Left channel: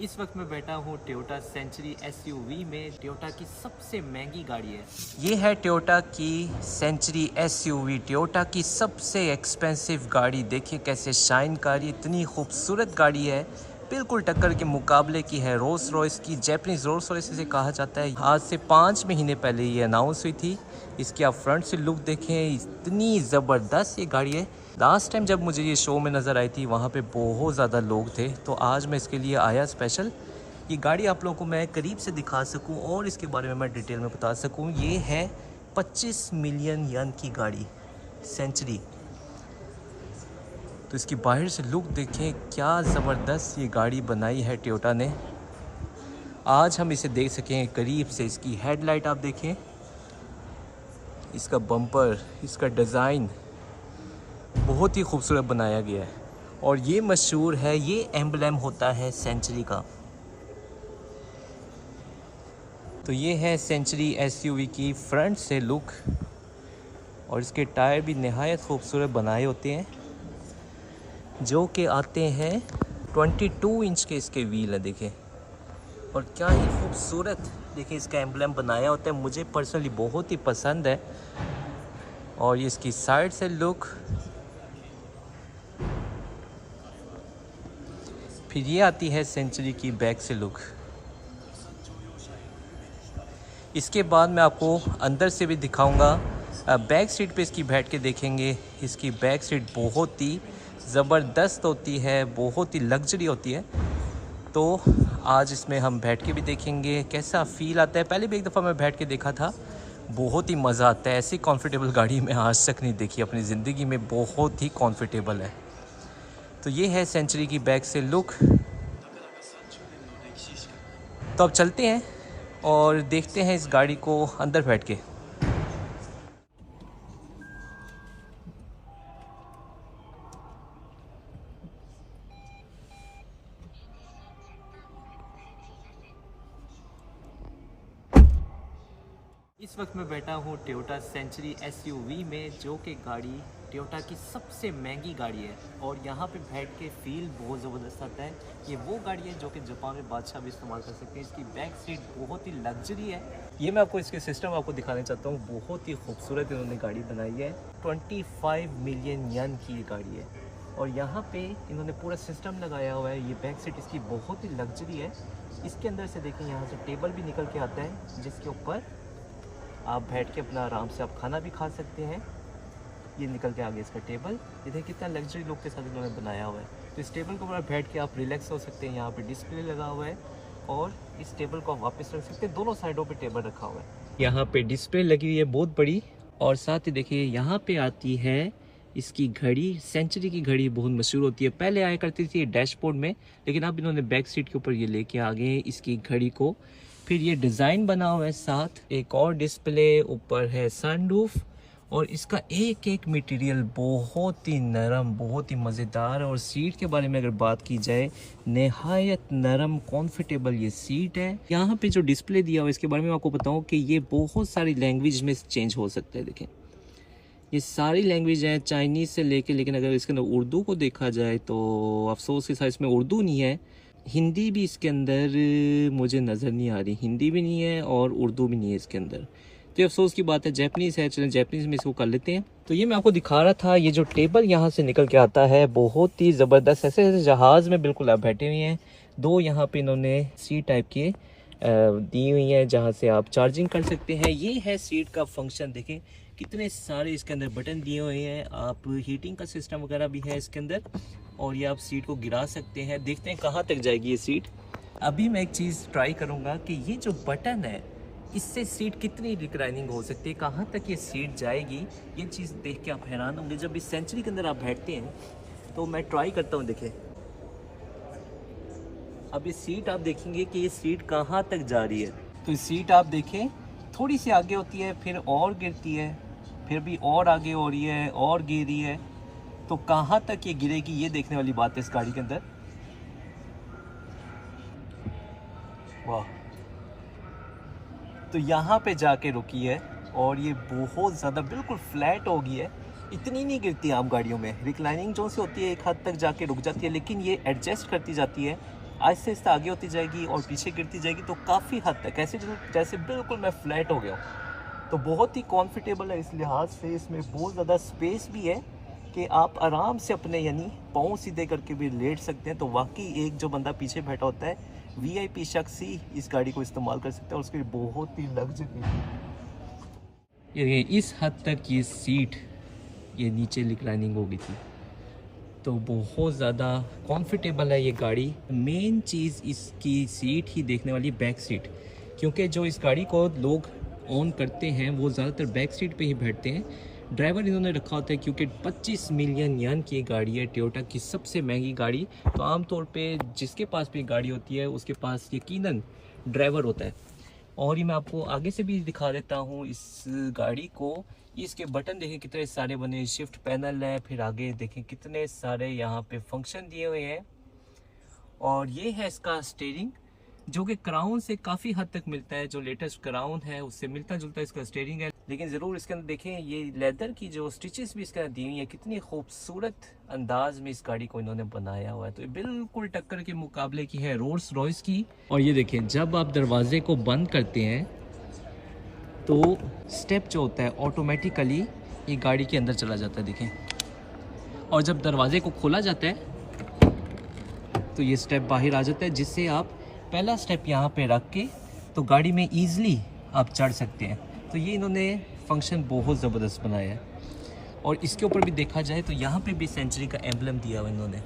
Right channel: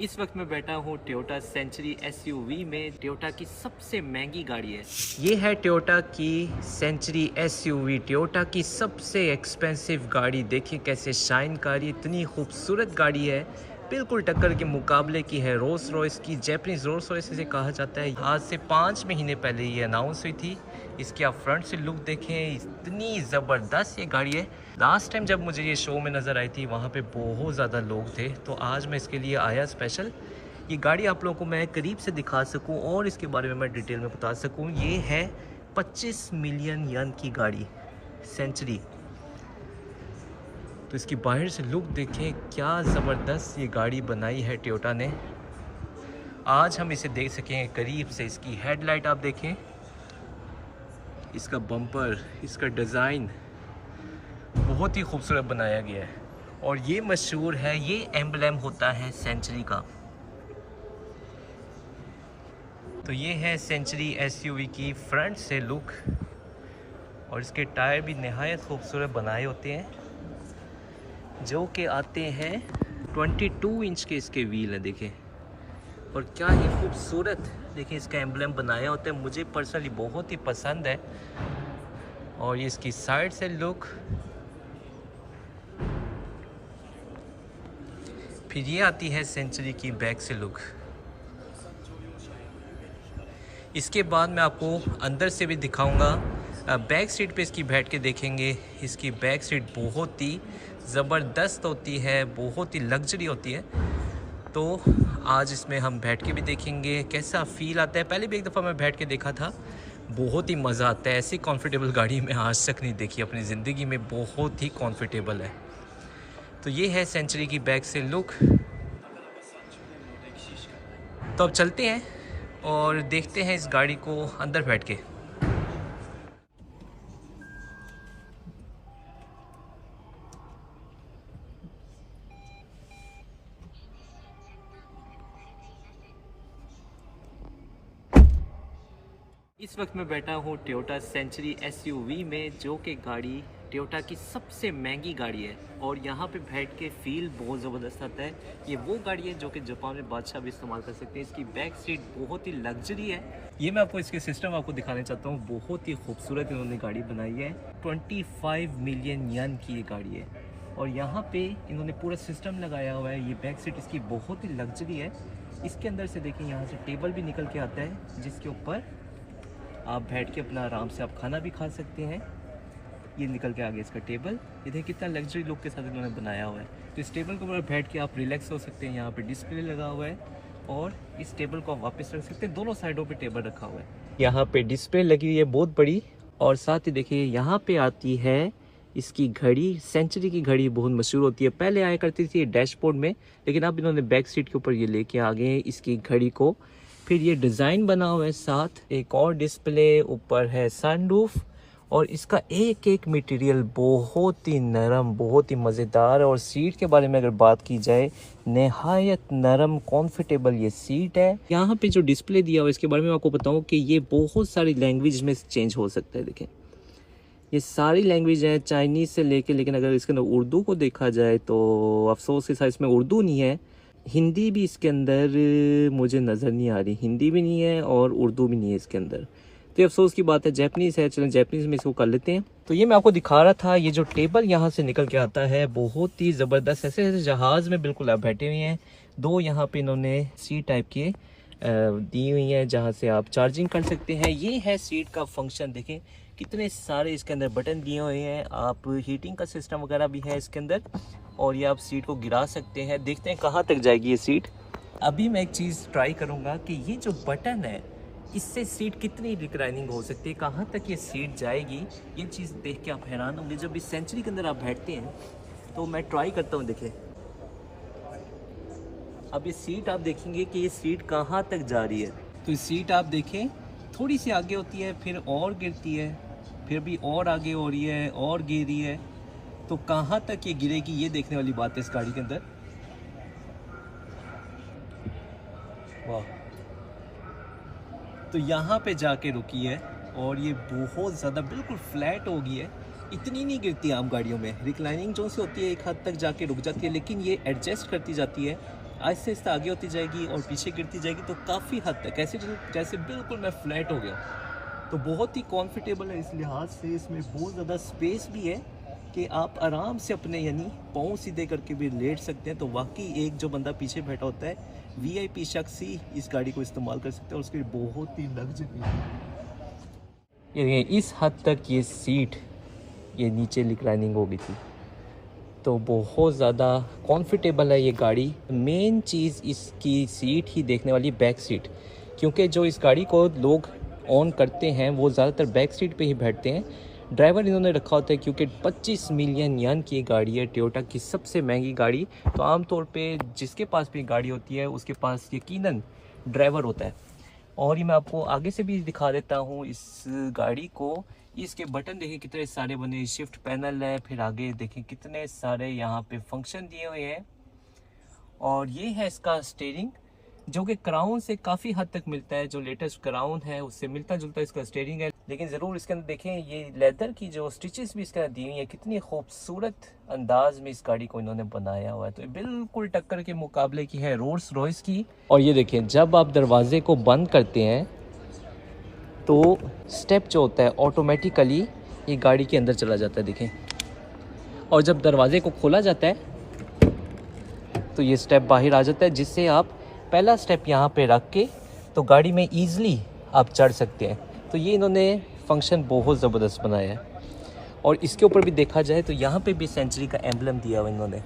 इस वक्त मैं बैठा हूँ टोयोटा सेंचुरी एसयूवी में। टोयोटा की सबसे महंगी गाड़ी है ये है टोयोटा की सेंचुरी एसयूवी, टोयोटा की सबसे एक्सपेंसिव गाड़ी। देखिए कैसे शाइन कर रही, इतनी खूबसूरत गाड़ी है, बिल्कुल टक्कर के मुकाबले की है रोल्स रॉयस की। जैपनीज रोल्स रॉयस इसे कहा जाता है। आज से 5 महीने पहले ये अनाउंस हुई थी। इसकी आप फ्रंट से लुक देखें, इतनी ज़बरदस्त ये गाड़ी है। लास्ट टाइम जब मुझे ये शो में नज़र आई थी वहाँ पे बहुत ज़्यादा लोग थे, तो आज मैं इसके लिए आया स्पेशल। ये गाड़ी आप लोगों को मैं करीब से दिखा सकूं और इसके बारे में मैं डिटेल में बता सकूं। ये है 25 मिलियन यन की गाड़ी सेंचुरी। तो इसकी बाहर से लुक देखें, क्या ज़बरदस्त ये गाड़ी बनाई है टोयोटा ने। आज हम इसे देख सकें करीब से। इसकी हेडलाइट आप देखें, इसका बम्पर, इसका डिज़ाइन बहुत ही खूबसूरत बनाया गया है। और ये मशहूर है, ये एम्बलम होता है सेंचुरी का। तो ये है सेंचुरी एसयूवी की फ्रंट से लुक, और इसके टायर भी नहायत खूबसूरत बनाए होते हैं, जो कि आते हैं 22 इंच के इसके व्हील हैं देखें। और क्या ही खूबसूरत देखिए इसका एम्बलम बनाया होता है, मुझे पर्सनली बहुत ही पसंद है। और ये इसकी साइड से लुक, फिर ये आती है सेंचुरी की बैक से लुक। इसके बाद मैं आपको अंदर से भी दिखाऊंगा। बैक सीट पे इसकी बैठ के देखेंगे। इसकी बैक सीट बहुत ही ज़बरदस्त होती है, बहुत ही लग्जरी होती है। तो आज इसमें हम बैठ के भी देखेंगे कैसा फ़ील आता है। पहले भी एक दफ़ा मैं बैठ के देखा था, बहुत ही मज़ा आता है। ऐसी कंफर्टेबल गाड़ी मैं आज तक नहीं देखी अपनी ज़िंदगी में, बहुत ही कंफर्टेबल है। तो ये है सेंचुरी की बैक से लुक। तो अब चलते हैं और देखते हैं इस गाड़ी को अंदर बैठ के। इस वक्त मैं बैठा हूँ टोयोटा सेंचुरी एसयूवी में, जो कि गाड़ी टोयोटा की सबसे महंगी गाड़ी है। और यहाँ पे बैठ के फील बहुत ज़बरदस्त आता है। ये वो गाड़ी है जो कि जापान में बादशाह भी इस्तेमाल कर सकते हैं। इसकी बैक सीट बहुत ही लग्जरी है। ये मैं आपको इसके सिस्टम आपको दिखाना चाहता हूँ, बहुत ही खूबसूरत इन्होंने गाड़ी बनाई है। 25 मिलियन यन की ये गाड़ी है, और यहाँ पे इन्होंने पूरा सिस्टम लगाया हुआ है। ये बैक सीट इसकी बहुत ही लग्जरी है। इसके अंदर से देखें, यहाँ से टेबल भी निकल के आता है, जिसके ऊपर आप बैठ के अपना आराम से आप खाना भी खा सकते हैं। ये निकल के आगे इसका टेबल, ये देखिए कितना लग्जरी लुक के साथ इन्होंने बनाया हुआ है। तो इस टेबल के ऊपर बैठ के आप रिलैक्स हो सकते हैं। यहाँ पे डिस्प्ले लगा हुआ है, और इस टेबल को आप वापस रख सकते हैं। दोनों साइडों पे टेबल रखा हुआ है। यहाँ पे डिस्प्ले लगी हुई है बहुत बड़ी, और साथ ही देखिए यहाँ पे आती है इसकी घड़ी। सेंचुरी की घड़ी बहुत मशहूर होती है, पहले आया करती थी डैशबोर्ड में, लेकिन अब इन्होंने बैक सीट के ऊपर ये लेके आ गए इसकी घड़ी को। फिर ये डिज़ाइन बना हुआ है, साथ एक और डिस्प्ले, ऊपर है सनरूफ। और इसका एक एक मटेरियल बहुत ही नरम, बहुत ही मज़ेदार है। और सीट के बारे में अगर बात की जाए, नहायत नरम कंफर्टेबल ये सीट है। यहाँ पे जो डिस्प्ले दिया हुआ है इसके बारे में आपको बताऊँ कि ये बहुत सारी लैंग्वेज में चेंज हो सकता है। देखें ये सारी लैंग्वेज है चाइनीज़ से लेके, लेकिन अगर इसके अंदर उर्दू को देखा जाए तो अफसोस के साथ इसमें उर्दू नहीं है। हिंदी भी इसके अंदर मुझे नज़र नहीं आ रही, हिंदी भी नहीं है और उर्दू भी नहीं है इसके अंदर। तो अफसोस की बात है। जैपनीज़ है, चलें जैपनीज़ में इसको कर लेते हैं। तो ये मैं आपको दिखा रहा था, ये जो टेबल यहाँ से निकल के आता है बहुत ही ज़बरदस्त, ऐसे ऐसे जहाज़ में बिल्कुल आप बैठे हुए हैं। दो यहाँ पे इन्होंने सी टाइप के दी हुई है, जहाँ से आप चार्जिंग कर सकते हैं। ये है सीट का फंक्शन, देखें कितने सारे इसके अंदर बटन दिए हुए हैं। आप हीटिंग का सिस्टम वगैरह भी है इसके अंदर, और ये आप सीट को गिरा सकते हैं। देखते हैं कहाँ तक जाएगी ये सीट। अभी मैं एक चीज़ ट्राई करूँगा कि ये जो बटन है, इससे सीट कितनी रिक्लाइनिंग हो सकती है, कहाँ तक ये सीट जाएगी। ये चीज़ देख के आप हैरान होंगे। जब इस सेंचुरी के अंदर आप बैठते हैं तो मैं ट्राई करता हूँ। देखें अब ये सीट आप देखेंगे कि ये सीट कहाँ तक जा रही है। तो इस सीट आप देखें, थोड़ी सी आगे होती है, फिर और गिरती है, फिर भी और आगे हो रही है, और गिर रही है। तो कहाँ तक ये गिरेगी, ये देखने वाली बात है इस गाड़ी के अंदर। वाह, तो यहाँ पे जाके रुकी है, और ये बहुत ज़्यादा बिल्कुल फ्लैट हो गई है। इतनी नहीं गिरती आम गाड़ियों में, रिक्लाइनिंग जो सी होती है एक हद तक जाके रुक जाती है, लेकिन ये एडजस्ट करती जाती है। आहिस्ते आहिस्ते आगे होती जाएगी और पीछे गिरती जाएगी, तो काफ़ी हद तक ऐसे जैसे बिल्कुल मैं फ्लैट हो गया हूँ। तो बहुत ही कंफर्टेबल है इस लिहाज से, इसमें बहुत ज़्यादा स्पेस भी है कि आप आराम से अपने यानी पाँव सीधे करके भी लेट सकते हैं। तो वाकई एक जो बंदा पीछे बैठा होता है वीआईपी शख्स ही इस गाड़ी को इस्तेमाल कर सकता है, और उसकी बहुत ही लग्जरी है। इस हद तक ये सीट ये नीचे रिक्लाइनिंग हो गई थी, तो बहुत ज़्यादा कंफर्टेबल है ये गाड़ी। मेन चीज़ इसकी सीट ही देखने वाली, बैक सीट, क्योंकि जो इस गाड़ी को लोग ऑन करते हैं वो ज़्यादातर बैक सीट पे ही बैठते हैं। ड्राइवर इन्होंने रखा होता है क्योंकि 25 मिलियन यन की गाड़ी है, टोयोटा की सबसे महंगी गाड़ी। तो आमतौर पे जिसके पास भी गाड़ी होती है उसके पास यकीनन ड्राइवर होता है। और ये मैं आपको आगे से भी दिखा देता हूँ इस गाड़ी को। इसके बटन देखें कितने सारे बने, शिफ्ट पैनल है, फिर आगे देखें कितने सारे यहाँ पे फंक्शन दिए हुए हैं। और ये है इसका स्टीयरिंग, जो कि क्राउन से काफ़ी हद तक मिलता है, जो लेटेस्ट क्राउन है उससे मिलता जुलता इसका स्टीयरिंग है। लेकिन ज़रूर इसके अंदर देखें ये लेदर की जो स्टिचेस भी इसके अंदर दी हुई है, कितनी खूबसूरत अंदाज में इस गाड़ी को इन्होंने बनाया हुआ है। तो ये बिल्कुल टक्कर के मुकाबले की है रोल्स रॉयस की। और ये देखें जब आप दरवाजे को बंद करते हैं तो स्टेप जो होता है ऑटोमेटिकली ये गाड़ी के अंदर चला जाता है, देखें। और जब दरवाजे को खोला जाता है तो ये स्टेप बाहर आ जाता है, जिससे आप पहला स्टेप यहाँ पे रख के तो गाड़ी में ईज़िली आप चढ़ सकते हैं। तो ये इन्होंने फंक्शन बहुत ज़बरदस्त बनाया है। और इसके ऊपर भी देखा जाए तो यहाँ पे भी सेंचुरी का एम्बलम दिया हुआ इन्होंने।